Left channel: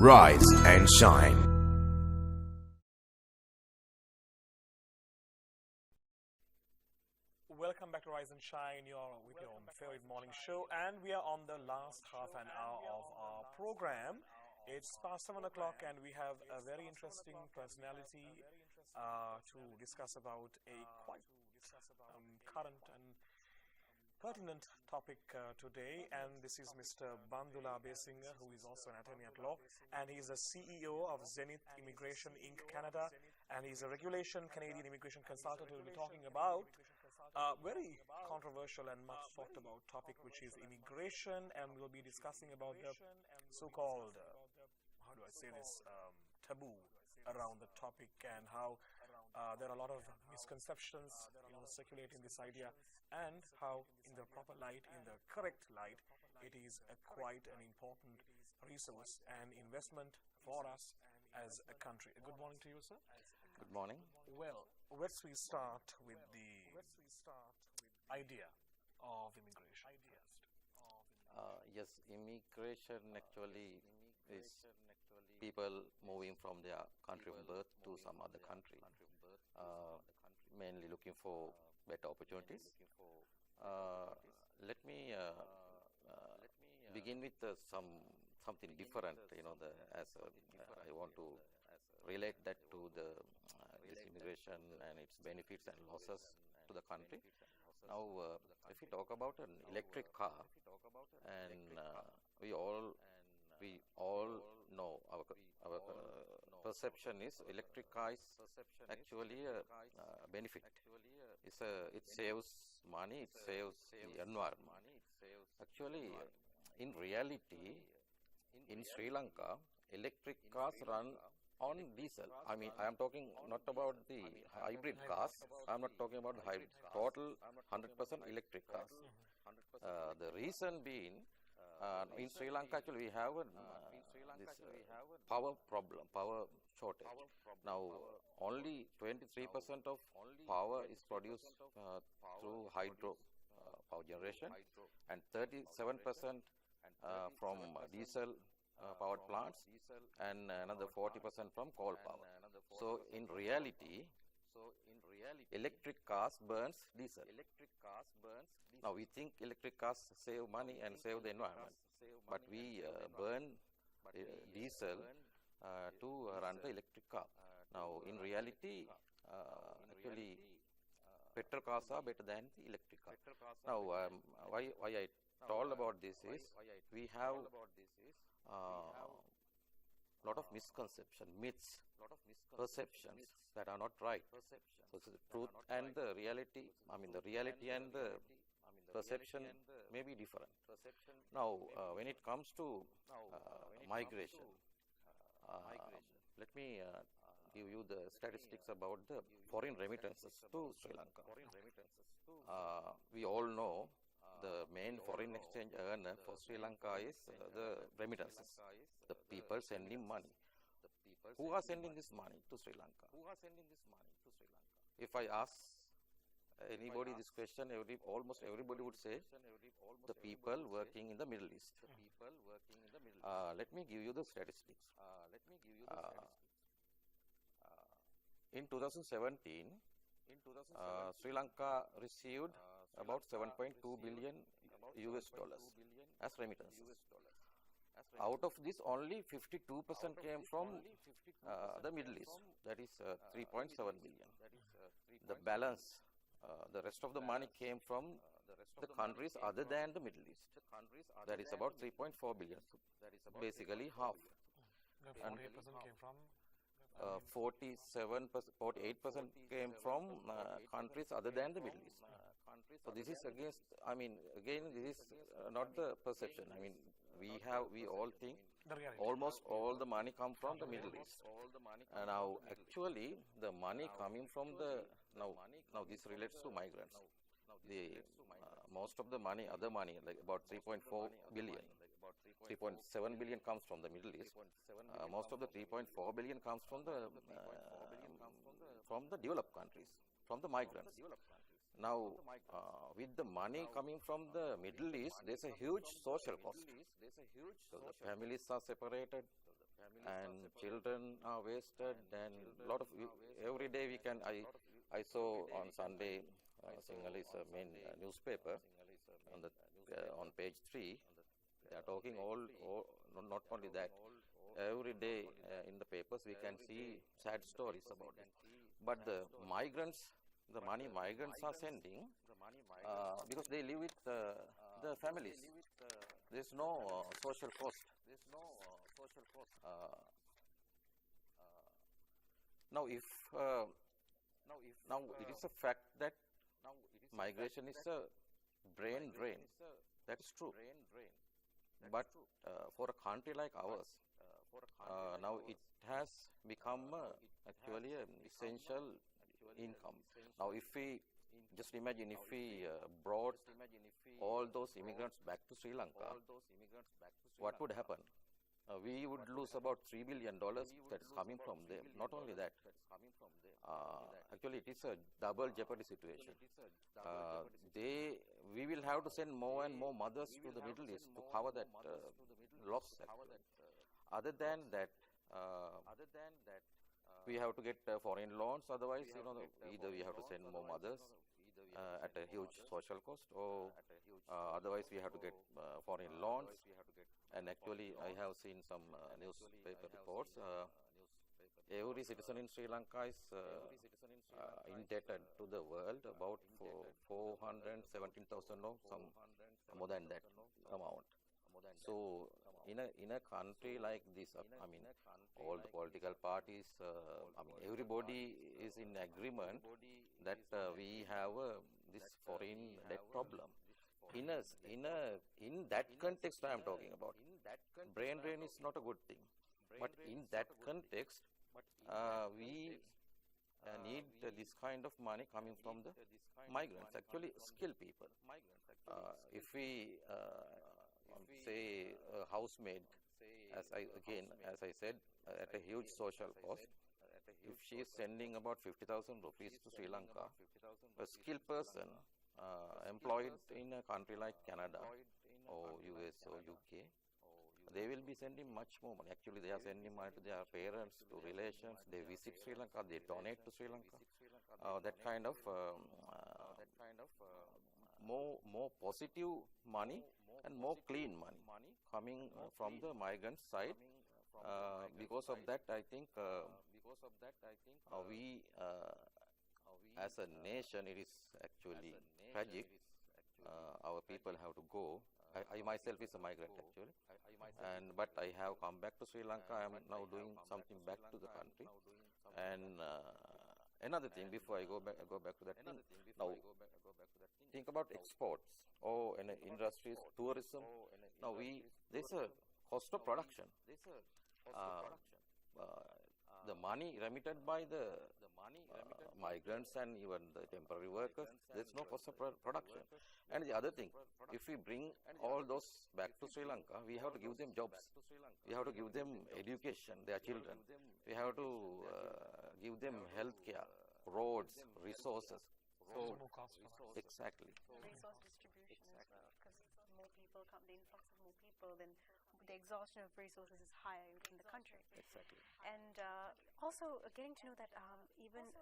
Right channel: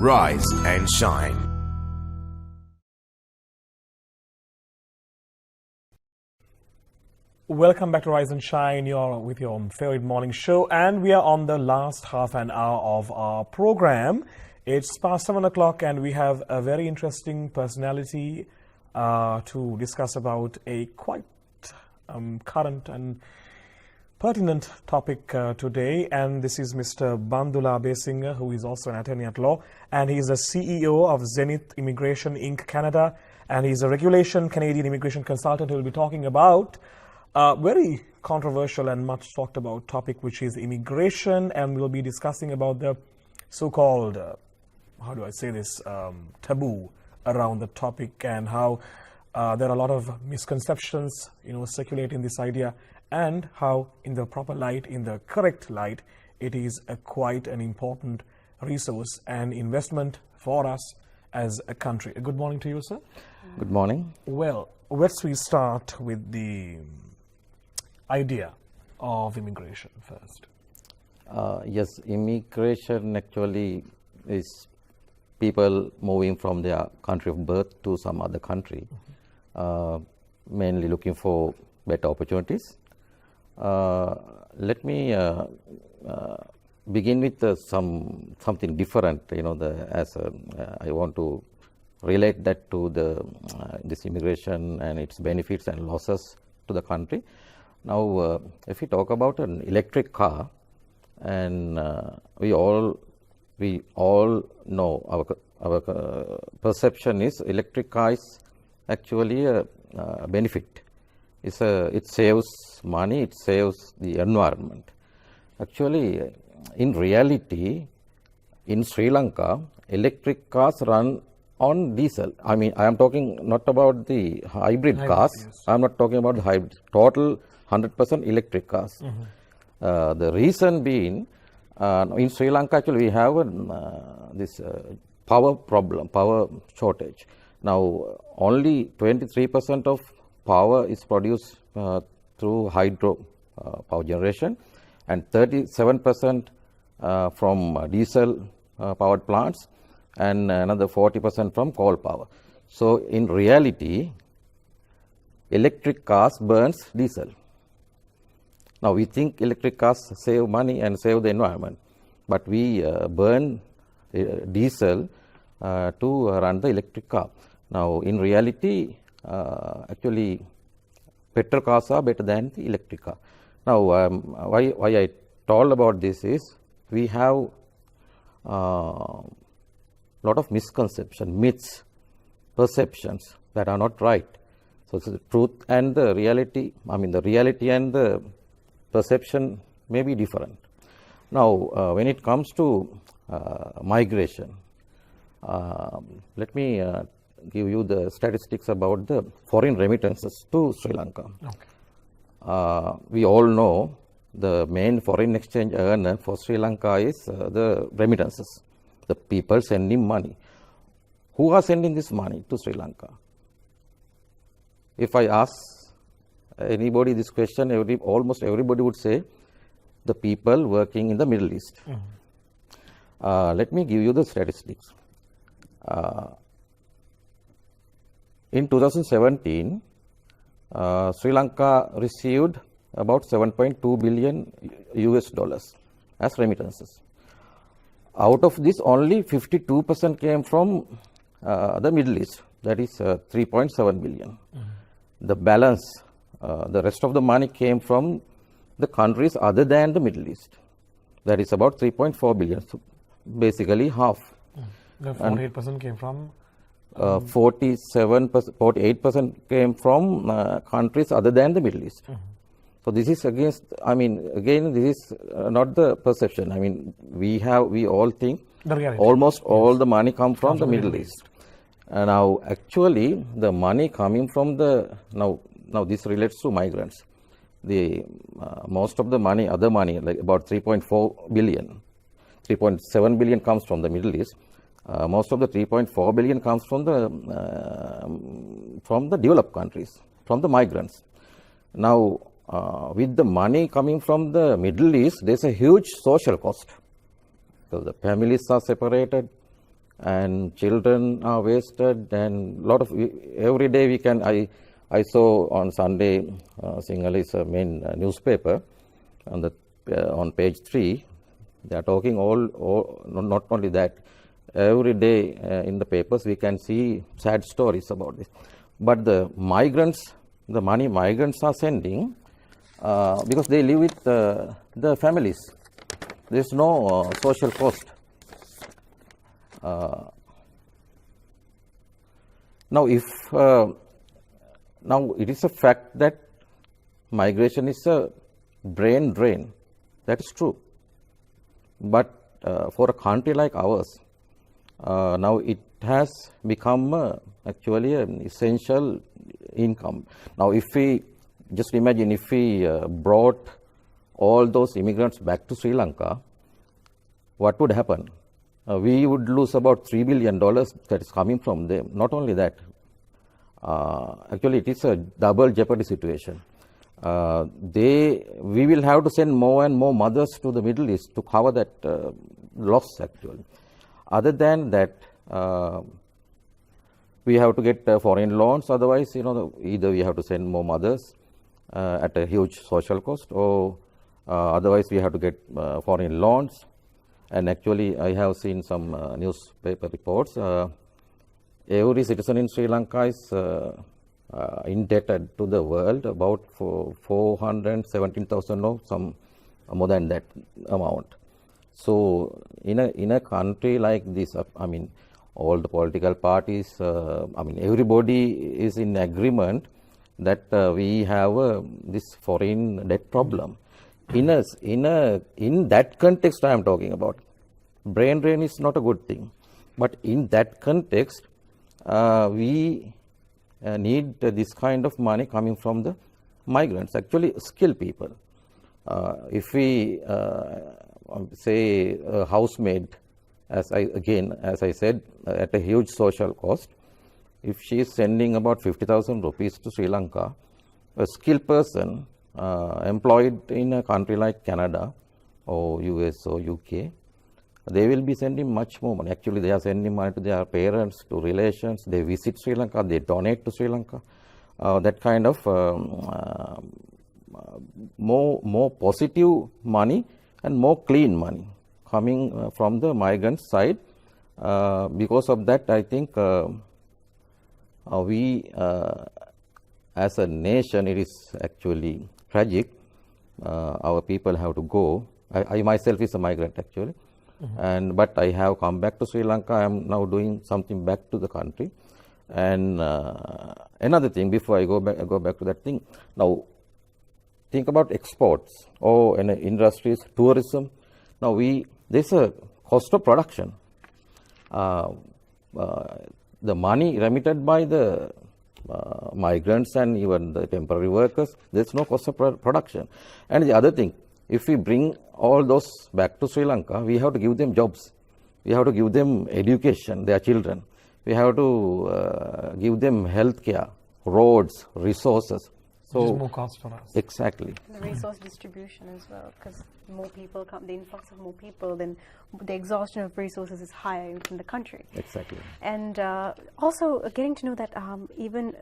Rise and shine. Welcome back to Rise and Shine. You're with your favorite morning show, and we are on the last half an hour of our program. It's past 7 o'clock, and we have a very interesting personality to discuss about a quite current and pertinent topic today. And this is Mr. Bandula Abeysinghe, who is also an attorney at law, and he's the CEO of Zenith Immigration Inc. Canada, and he's a regulation Canadian immigration consultant who will be talking about a very controversial and much talked about topic, which is immigration, and we'll be discussing about the so-called, how do I say this, taboo around the topic, and how there are a lot of misconceptions, circulating this idea, and how in the proper light, in the correct light, it is quite an important resource and investment for us as a country. Good morning to you, sir. Good morning. Well, let's we start with the idea of immigration first. Yes, immigration actually is people moving from their country of birth to some other country, mainly looking for better opportunities. Let me begin with something different. I want to relate that to this immigration and its benefits and losses to the country. Now, if we talk about an electric car, and we all know our perception is electric car is actually a benefit. It saves money, it saves the environment. Actually, in reality, in Sri Lanka, electric cars run on diesel. I mean, I am talking not about the hybrid cars. Yes. I am not talking about the hybrid. Total 100% electric cars. The reason being, in Sri Lanka, actually, we have this power problem, power shortage. Now, only 23% of power is produced through hydro power generation, and 37% from diesel powered plants, and another 40% from coal power. So, in reality, electric cars burns diesel. Now, we think electric cars save money and save the environment, but we burn diesel to run the electric car. Now, in reality, actually, petrol cars are better than the electric car. Now, why I told about this is we have lot of misconception, myths, perceptions that are not right. So, it's the truth and the reality. I mean, the reality and the perception may be different. Now, when it comes to migration, let me give you the statistics about the foreign remittances to Sri Lanka. Okay. We all know the main foreign exchange earner for Sri Lanka is the remittances, the people sending money. Who are sending this money to Sri Lanka? If I ask anybody this question, almost everybody would say the people working in the Middle East. Let me give you the statistics. In 2017, Sri Lanka received about 7.2 billion US dollars as remittances. Out of this, only 52% came from the Middle East, that is 3.7 billion. The balance, the rest of the money came from the countries other than the Middle East. That is about 3.4 billion, so basically half. The 48% came from? 48% came from countries other than the Middle East. So this is against, I mean, again, this is not the perception. I mean, we all think almost all the money comes from the Middle East. Now, actually, the money coming from now this relates to migrants. Most of the money, other money, like about 3.4 billion, 3.7 billion comes from the Middle East. Most of the 3.4 billion comes from the developed countries, from the migrants. Now, with the money coming from the Middle East, there's a huge social cost. So the families are separated, and children are wasted, and lot of every day we can. I saw on Sunday, Sinhala is a main newspaper, on page 3, they are talking not only that, every day in the papers we can see sad stories about this. But the migrants, the money migrants are sending, because they live with the families. There is no social cost. Now, now it is a fact that migration is a brain drain. That is true. But for a country like ours, now it has become actually an essential income. Now, if we just imagine if we brought all those immigrants back to Sri Lanka, what would happen? We would lose about $3 billion that is coming from them. Not only that, actually it is a double jeopardy situation. We will have to send more and more mothers to the Middle East to cover that loss actually. Other than that, we have to get foreign loans, otherwise, either we have to send more mothers at a huge social cost, or otherwise we have to get foreign loans. And actually, I have seen some newspaper reports. Every citizen in Sri Lanka is indebted to the world about 417,000 or some more than that amount. So, in a country like this, I mean, all the political parties, I mean, everybody is in agreement that we have this foreign debt problem. In that context, I am talking about. Brain drain is not a good thing, but in that context, we need this kind of money coming from the migrants, actually skilled people. If we say a housemaid, as I said, at a huge social cost, if she is sending about 50,000 rupees to Sri Lanka, a skilled person employed in a country like Canada or US or UK, they will be sending much more money. Actually, they are sending money to their parents, to relations. They visit Sri Lanka, they donate to Sri Lanka. That kind of more positive money and more clean money coming from the migrant side. Because of that, I think we, as a nation, it is actually tragic. Our people have to go. I myself is a migrant actually, but I have come back to Sri Lanka. I am now doing something back to the country. And another thing, before I go back to that thing, now think about exports or industries, tourism. Now there's a cost of production. The money remitted by the migrants and even the temporary workers, there's no cost of production. And the other thing, if we bring all those back to Sri Lanka, we have to give them jobs. We have to give them education, their children. We have to give them health care, roads, resources. So which is more cost for us. Exactly. The resource distribution as well, because more people come, the influx of more people, then the exhaustion of resources is higher in the country. Exactly. And also getting to know that even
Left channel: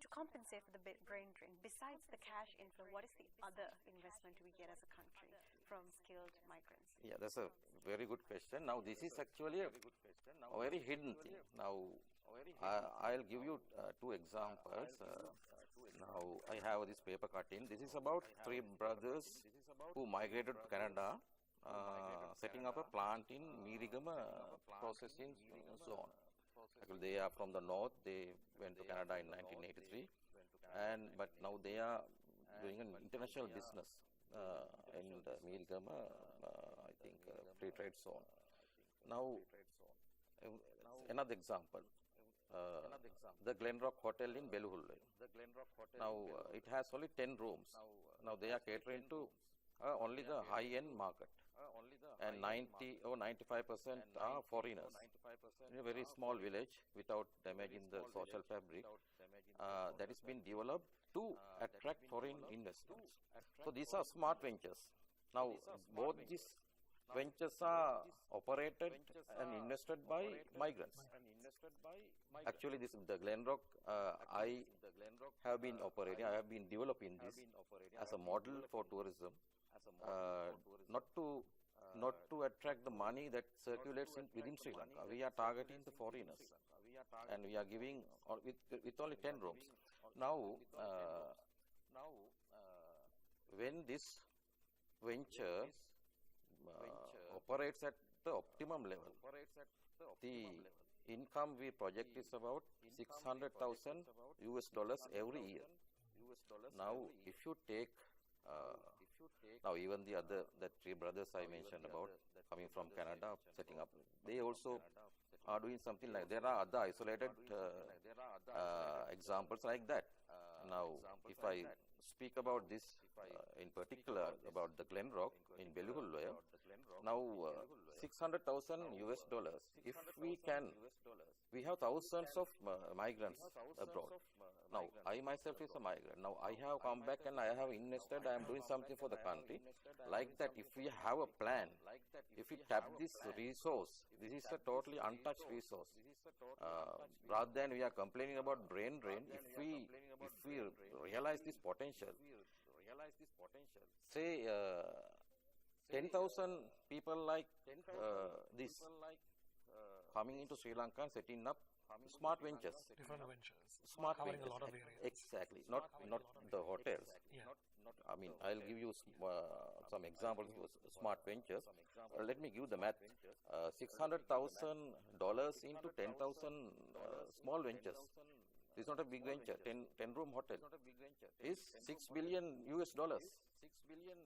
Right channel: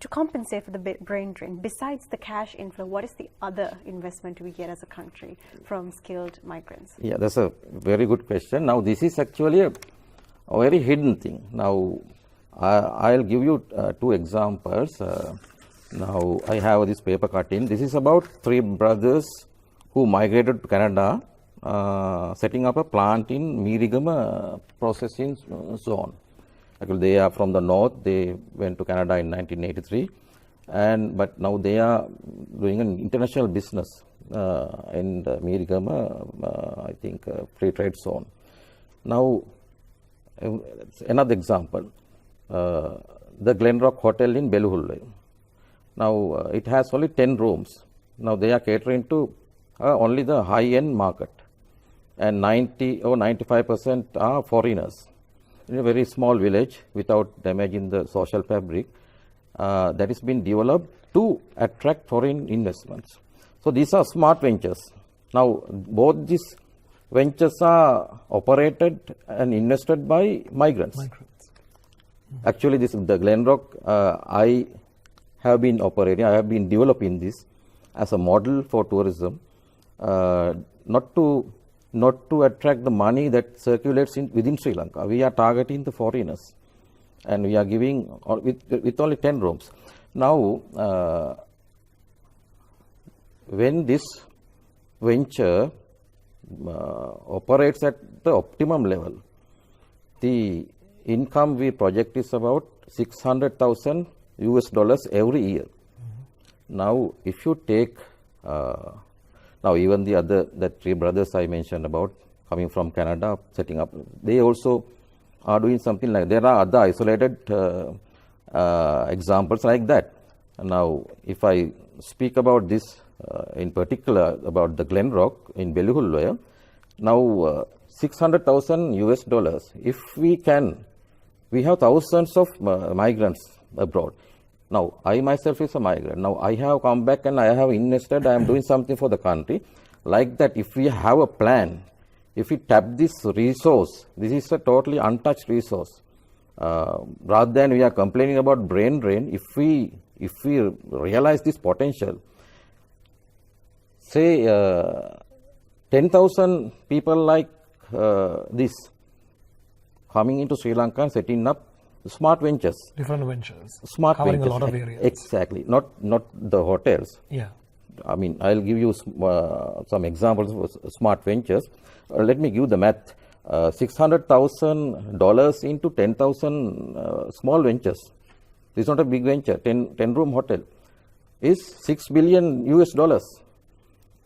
to compensate for the brain drain, besides the cash inflow, what is the other investment we get as a country from skilled migrants? Yeah, that's a very good question. Now, this is actually a very hidden thing. Now, I'll give you 2 examples. Now, I have this paper cutting. This is about 3 brothers who migrated to Canada, setting up a plant in Meerigama processing zone. Actually, they are from the north. They went to Canada in 1983, but now they are doing an international business in the Meerigama, I think, free trade zone. Now, another example, the Glenrock Hotel in Beluhulle. Now, it has only 10 rooms. Now, they are catering to only the high-end market, and 90 or 95% are foreigners. In a very small village, without damaging the social fabric, that has been developed to attract foreign investments. So, these are smart ventures. Now, both these ventures are operated and invested by migrants. Actually, this the Glenrock, I have been operating, I have been developing this as a model for tourism, not to attract the money that circulates within Sri Lanka. We are targeting the foreigners, and we are giving with only 10 rooms. Now, when this venture operates at the optimum level, the income we project is about $600,000 every year. Now, if you take now even the three brothers I mentioned about coming from Canada, setting up, they also are doing something like. There are other isolated examples like that. Now, if I speak about this in particular about the Glenrock in Belihulloya, now $600,000. If we have thousands of migrants abroad. Now, I myself is a migrant. Now, I have come back and I have invested, I am doing something for the country. Like that, if we have a plan, if we tap this resource, this is a totally untouched resource. Rather than we are complaining about brain drain, if we realize this potential, say 10,000 people like this coming into Sri Lanka and setting up smart ventures. Different ventures. Smart covering ventures. a lot of areas. Exactly. Not the hotels. Yeah. I mean, I'll give you some examples of smart ventures. Let me give the math. $600,000 into 10,000 small ventures. This is not a big venture. 10-room hotel is $6 billion.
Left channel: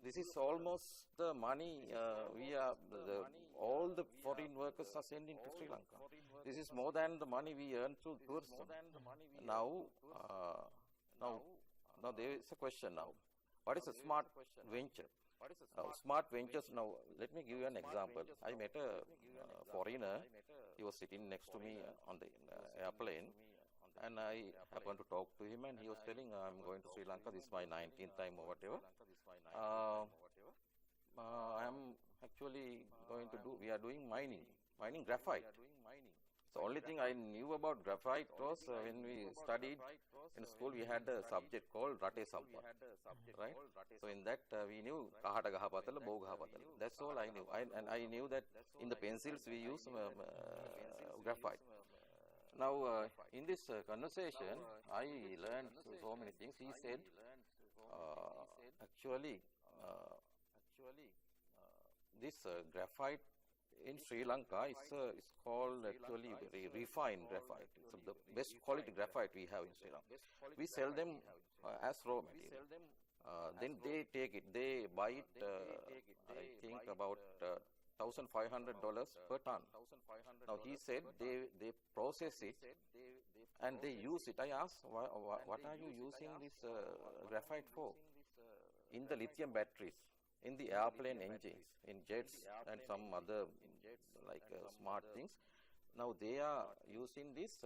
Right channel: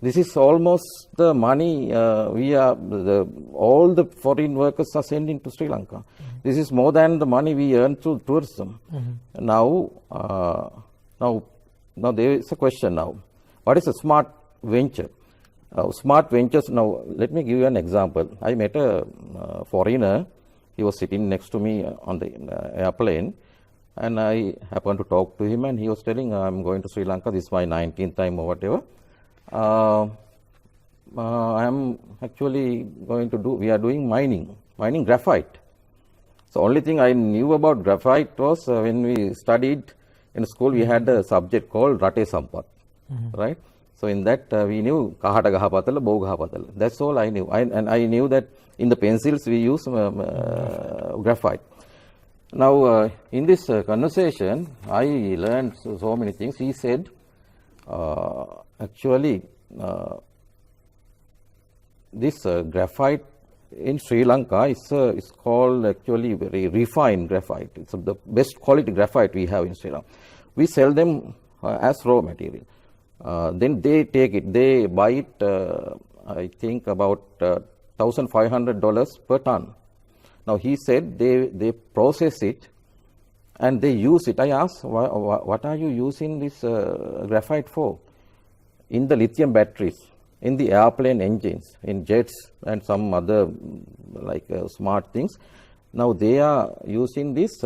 This is almost the money all the foreign workers are sending to Sri Lanka. This is more than the money we earn through tourism. Now there is a question now. What is a smart venture? Smart ventures, now let me give you an example. I met a foreigner. He was sitting next to me on the airplane, and I happened to talk to him, and he was telling, I'm going to Sri Lanka, this is my 19th time or whatever. I am actually going to we are doing mining graphite. So only thing I knew about graphite was when we studied in school, we had a subject called Rate Sampat, right? So in that we knew Kahata Gahapatala, Bow Gahapatala. That's all I knew. And I knew that in the pencils we use graphite. Now in this conversation, I learned so many things. He said, actually, this graphite in Sri Lanka is called actually very refined graphite. It's the best quality graphite we have in Sri Lanka. We sell them as raw material. Then they take it, they buy it, I think about $1,500 per ton. Now he said they process it and they use it. I asked, what are you using this graphite for? In the lithium batteries, in the airplane engines, in jets and some other like smart things. Now they are using this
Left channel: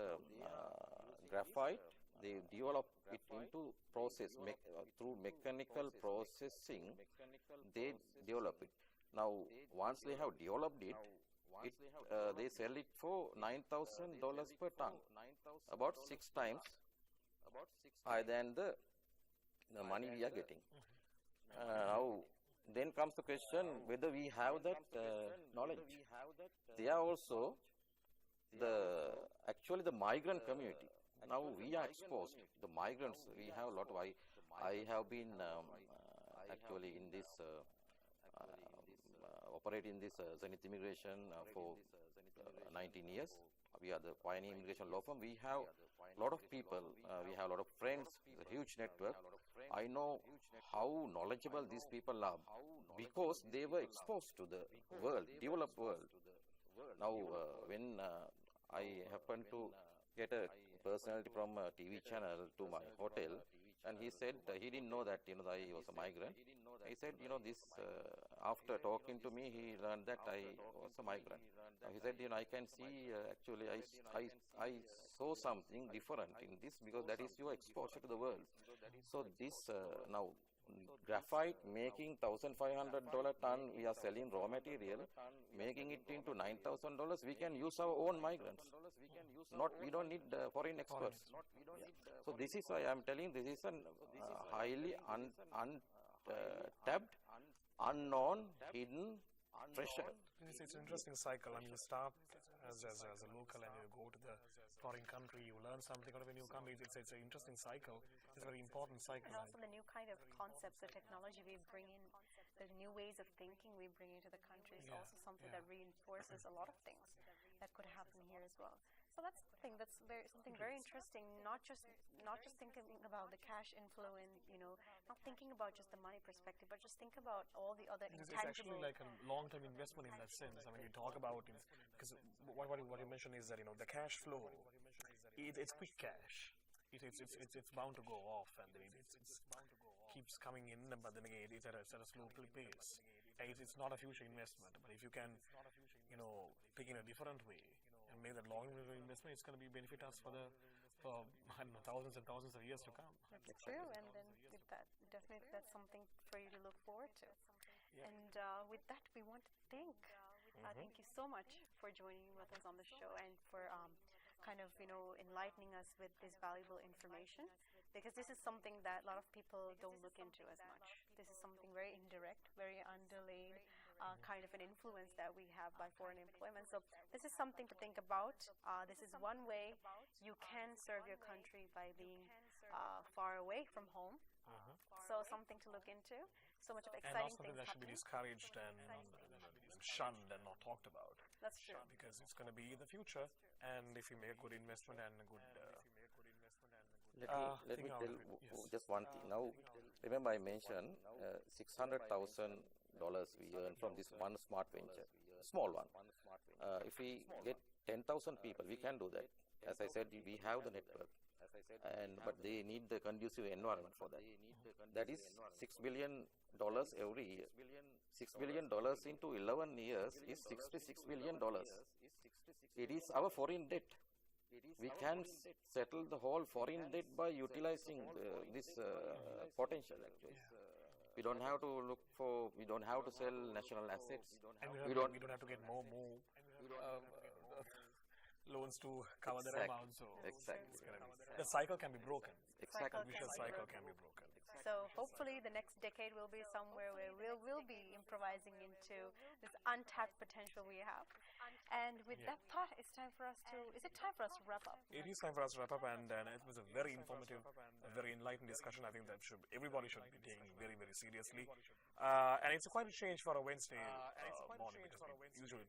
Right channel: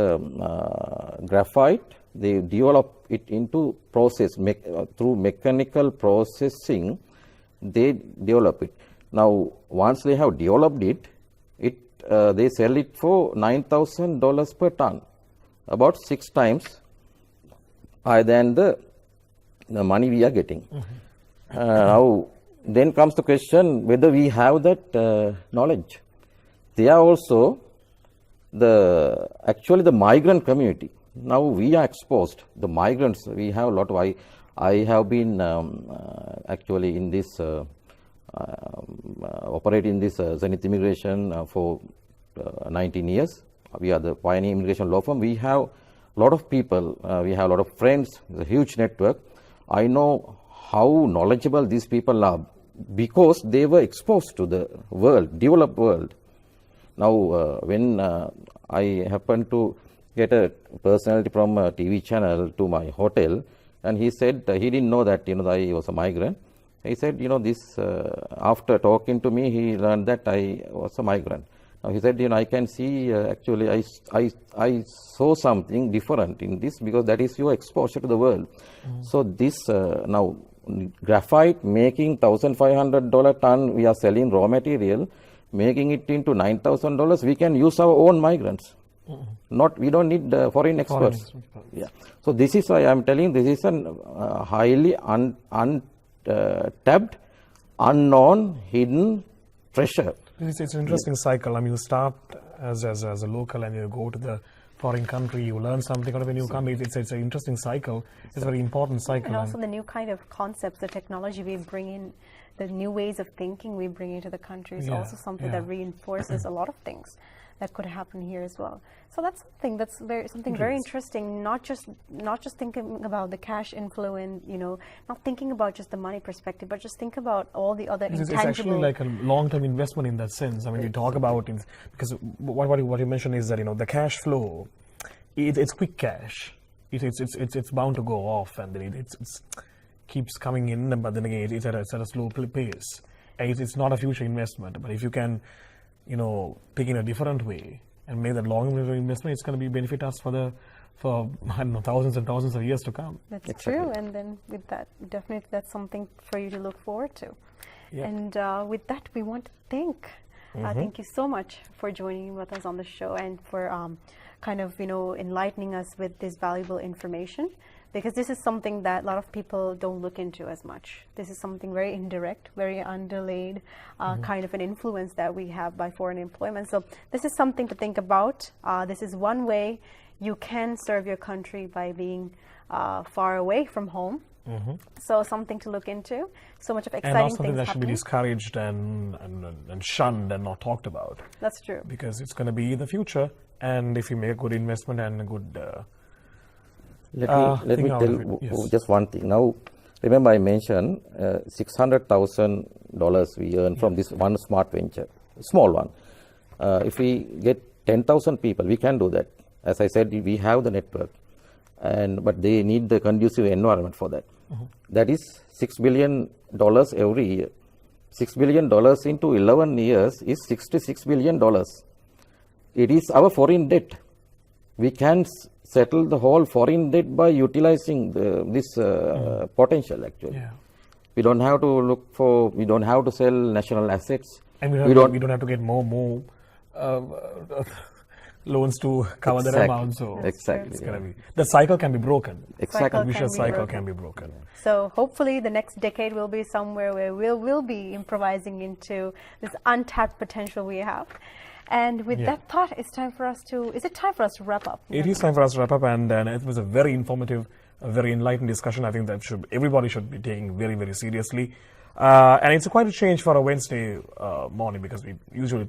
graphite. They develop it into process through mechanical processing. They develop it. Now once they have developed it, they sell it for $9,000 per ton, about 6 times higher than the money we are getting. Now then comes the question whether we have that knowledge. They are also actually the migrant community. Now we are exposed, the migrants, we have a lot of, I have been actually in this, operating this Zenith Immigration for 19 years. We are the pioneer immigration law firm. We have a lot of people, we have a lot of friends, a huge network. I know how knowledgeable these people are because they were exposed to the world, developed world. Now when I happened to get a personality from a TV channel to my hotel, and he said he didn't know that I was a migrant. He said this after talking to me, he learned that I was a migrant. Now he said I can see actually I saw something different in this because that is your exposure to the world. So this now graphite making $1,500 ton, we are selling raw material, making it into $9,000, we can use our own migrants. We don't need foreign experts. Yeah. So this is why I am telling, this is a highly untapped, unknown, hidden treasure. It's an interesting cycle. I mean, you start as a local and you go to the foreign country, you learn something out of a new country. It's an interesting cycle. It's a very important cycle. And also the new kind of concepts, the technology we bring in, the new ways of thinking we bring into the country is also something that reinforces a lot of things that could happen here as well. So that's something very interesting. Not just thinking about the cash inflow and not thinking about just the money perspective, but just think about all the other intangible. It's actually like a long-term investment in that sense. I mean, we talk about it because what you mentioned is that the cash flow, it's quick cash. It's bound to go off, and then it keeps coming in, but then again it's at a slow pace. And it's not a future investment, but if you can pick in a different way and make that long investment, it's going to benefit us for I don't know, thousands and thousands of years to come. That's true, and then with that, definitely that's something for you to look forward to. Yeah. And with that, we want to thank you so much for joining with us on the show and for kind of enlightening us with this valuable information, because this is something that a lot of people don't look into as much. This is something very indirect, very underlaid kind of an influence that we have by foreign employment. So this is something to think about. This is one way you can serve your country by being far away from home. So something to look into. So much of exciting things and not something that should be discouraged and shunned and not talked about. That's true. Because it's going to be the future, and if you make a good investment and a good let me tell just one thing. Now, remember I mentioned $600,000 we earn from this one smart venture, small one. If we get 10,000 people, we can do that. As I said, we have the network, but they need the conducive environment for that. That is $6 billion every year. $6 billion into 11 years is $66 billion. It is our foreign debt. We can settle the whole foreign debt by utilizing this potential, actually. Yeah. We don't have to we don't have to sell national assets. And we don't have to get more loans to cover that amount. So exactly. The cycle can be broken. Exactly. The vicious cycle can be broken. So hopefully the next decade will be somewhere where we'll be improvising into this untapped potential we have. And with that thought, is it time for us to wrap up? It is time for us to wrap up, and it was a very informative, a very enlightened discussion. I think that everybody should be taking very, very seriously. And it's quite a change for a Wednesday morning, because we usually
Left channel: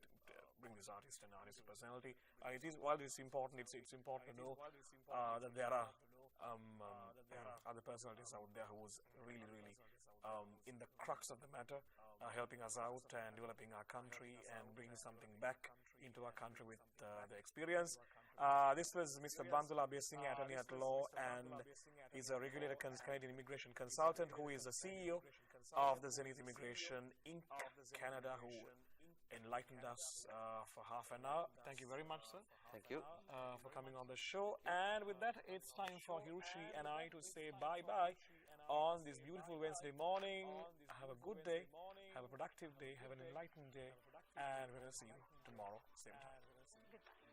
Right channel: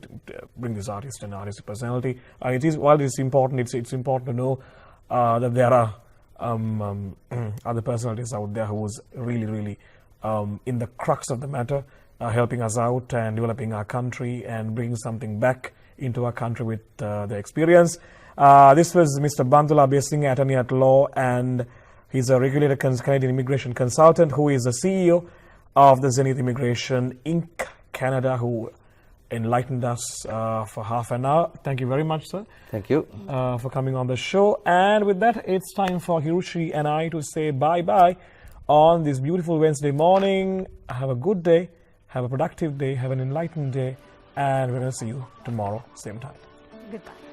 bring this artist and artistic personality. While it's important, it's important to know that there are other personalities out there who's really, really in the crux of the matter, helping us out and developing our country and bringing something back into our country with the experience. This was Mr. Bandula Abeysinghe, attorney at law, and he's a regulated Canadian immigration consultant who is the CEO of the Zenith Immigration Inc. Canada, who enlightened us for half an hour. Thank you very much, sir. Thank you. For coming on the show. And with that, it's time for Hiroshi and I to say bye-bye on this beautiful Wednesday morning. Have a good day. Have a productive day. Have an enlightened day. And we're going to see you tomorrow, same time. Goodbye.